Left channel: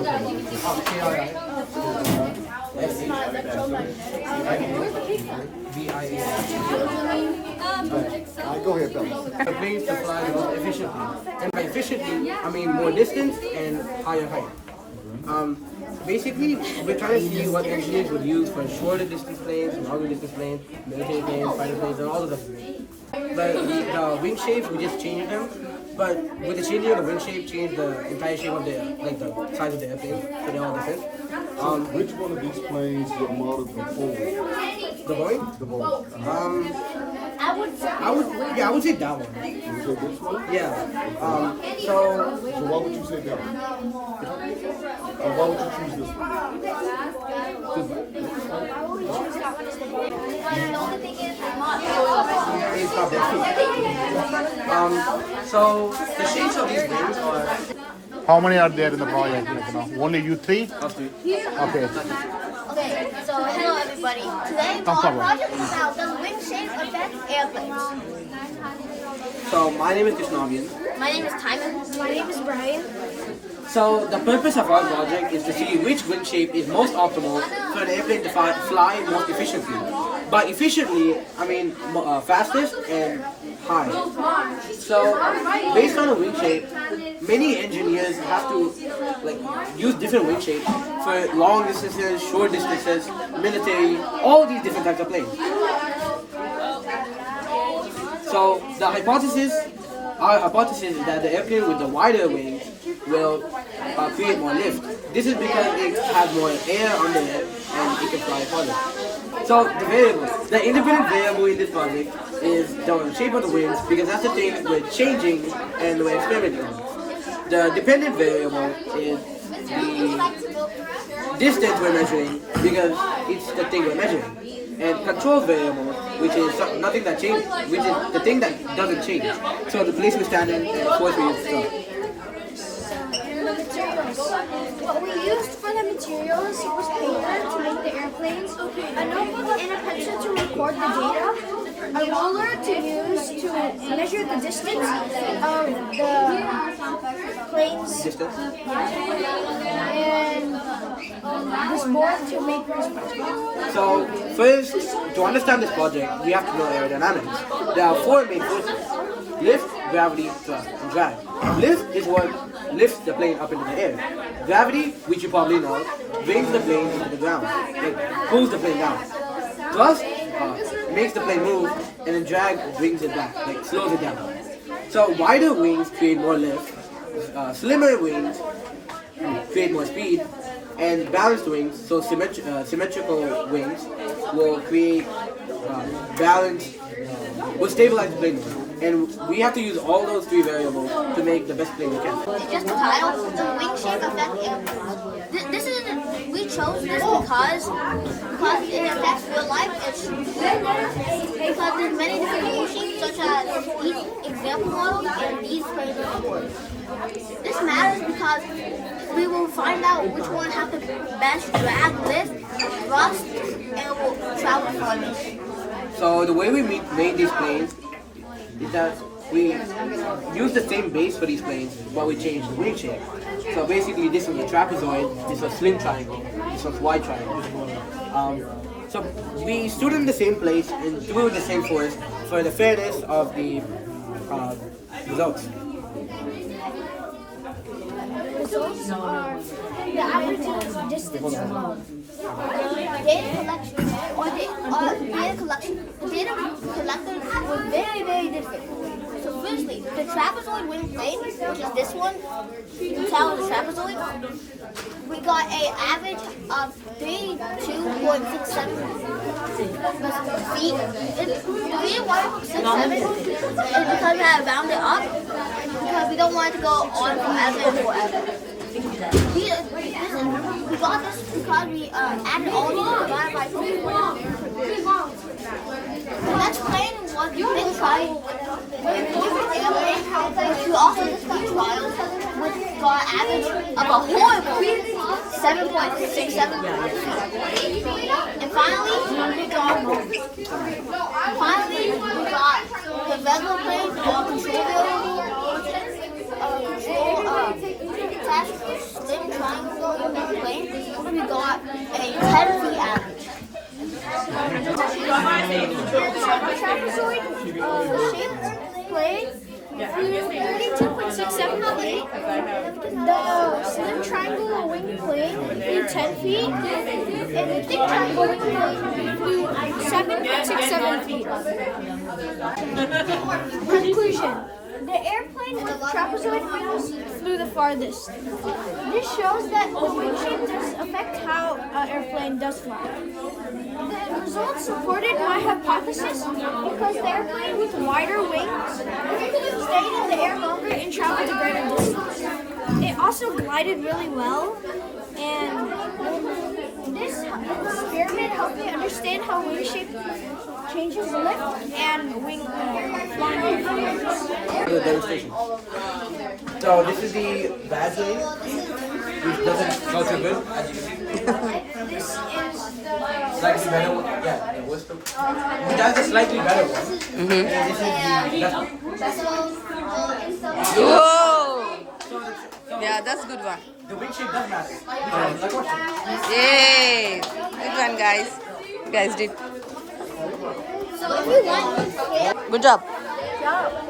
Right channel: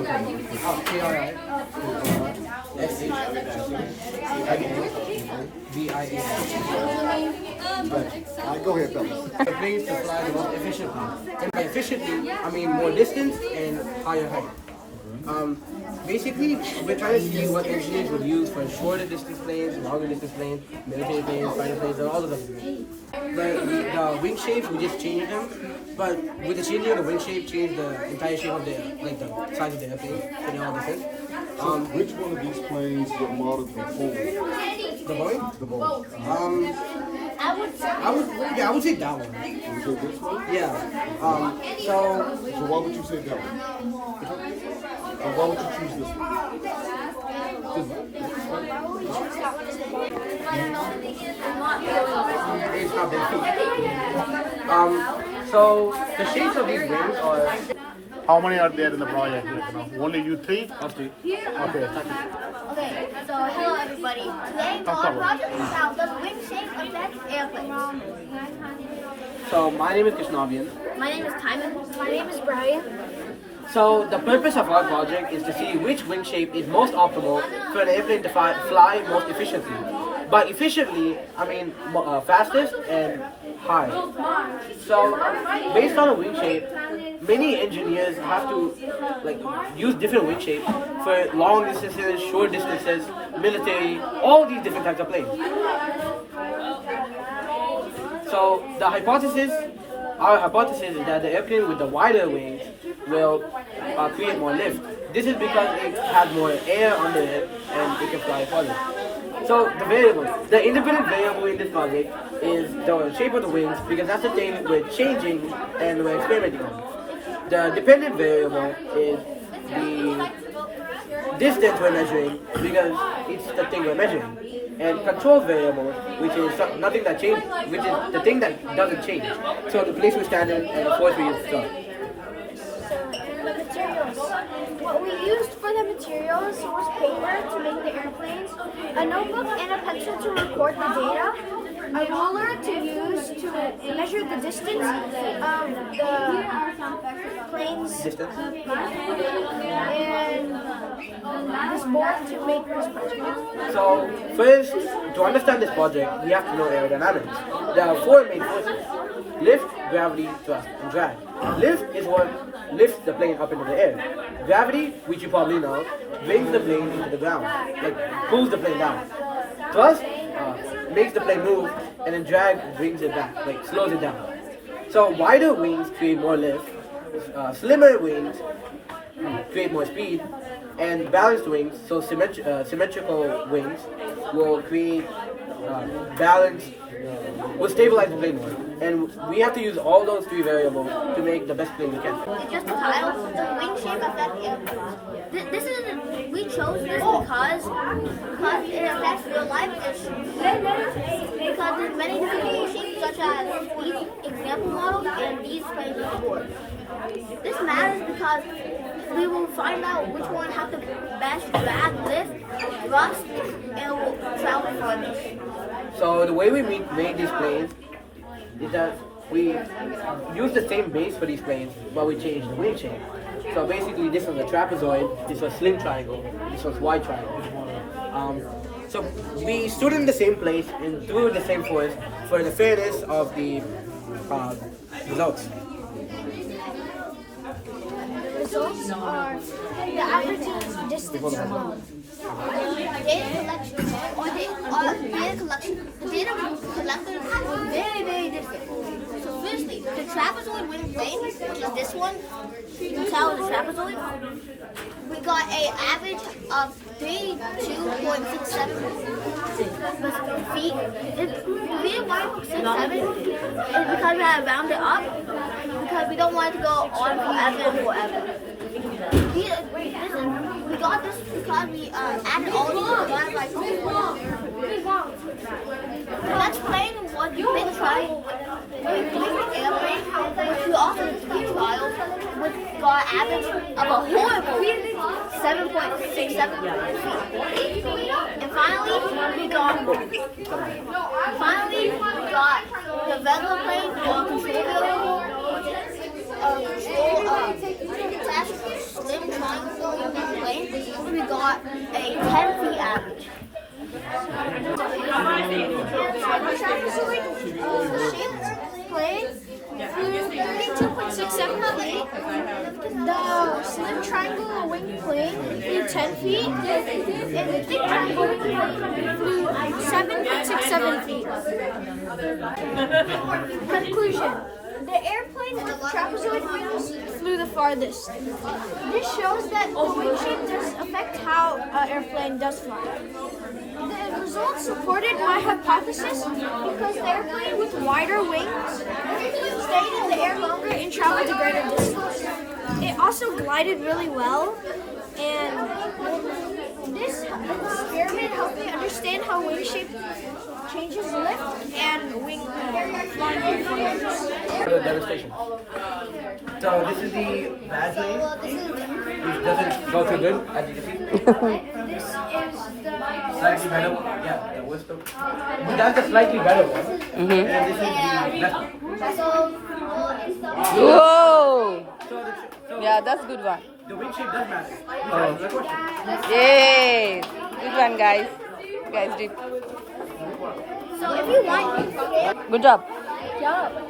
Oh, KRISHVIA. Alright, go ahead, fellas. The planes to fly the most efficiently. And by efficiently, I mean more distance and higher height. Basically, we're trying to see what engineers would use for shorter distance planes, longer distance planes, military planes, fighter planes, and all of them. But the wing shapes, we just changed them. But with the changing of the wing shape, change the entire shape of the size of the airplane, so they're all different. Which one of these planes were modeled before? The Boeing? The Boeing. I would say that one. Would you say this one? Yeah. So why would you say that one? Why would you choose this one? It's not that too. So the shapes of these wings are. How many are there in the project? Only you three? Us three. Okay. Okay, so hello everybody. Today our project is about does wing shape affect airplanes? So my name is Krishnavian. My name is Timon. My name is Brian. So the purpose of our project is to see which wing shape is most optimal for an airplane to fly most efficiently. By efficiently, I mean fastest and high. So based on a wing shape, many engineers have to use different wing shapes for long distances, short distances, military, all these different types of planes. So our hypothesis is that the airplane with the wider wings will create more lift. This is because it has more air under it and it can fly farther. So the independent variable in this project is the shape of the wings because that's the thing we're changing and we're experimenting on. The dependent variable is the distance we're measuring because it's the thing we're measuring. And control variable, which is nothing that changes, which is the thing that doesn't change. So the place we stand in and of course we use stuff. And the materials. What we used for the materials was paper to make the airplanes, a notebook and a pencil to record the data, a ruler to use to measure the distance of the plane's Distance? and this board to make this project. So first, to understand this project, we have to know aerodynamics. There are four main forces: lift, gravity, thrust, and drag. Lift is what lifts the plane up into the air. Gravity, which you probably know, brings the plane into the ground, pulls the plane down. Thrust makes the plane move, and then drag brings it back, slows it down. So wider wings create more lift, slimmer wings create more speed, and balanced wings, so symmetrical wings, will create will stabilize the plane more. And we have to use all those three variables to make the best plane we can. Just the title, the wing shape affect airplanes. We chose this because it affects real life. Because there's many different wing shapes, such as these example models and these planes are board. This matters because we will find out which one has the best drag, lift, thrust, and will travel farthest. So the way we made these planes is that we use the same base for these planes, but we changed the wing shape. So basically this was a trapezoid, this was slim triangle, this was wide triangle. So we stood in the same place and threw the same force for the fairness of the results. Results are the average distance alone. Data collection the data collected was very, very different. So firstly, the trapezoid wing plane, which is this one, you can tell the trapezoid, we got an average of 32.67 feet. The reason why we put 6.7 is because we have rounded up, because we don't want it to go on forever and forever. We got this because we added all these divided by 2. The next plane was the big trial, which we also did 3 trials, which got an average of a horrible 7.67. And finally, we got the regular plane or control variable. Control slim triangle plane, we got a 10 feet average. Trapezoid shaped plane flew 32.67 feet. The slim triangle wing plane flew 10 feet. And the thick triangle wing plane flew 7.67 feet. Conclusion. The airplane with trapezoid wings flew the farthest. This shows that the wing shape does affect how an airplane does fly. The results supported my hypothesis because the airplane with wider wings stayed in the air longer and traveled a greater distance. It also glided really well, and this experiment helped me understand how wing shape changes lift and wing flying performance. The demonstration. So this is the bad wing, which doesn't go too good, as you can see. This is the Slightly better one. Yeah, the whisper. But that's a slightly better one. And this is the best one. Whoa! So Yeah, that's good one. the wing shape does matter. Yay! Good one, guys. You guys did. So if you want, Good job. yeah.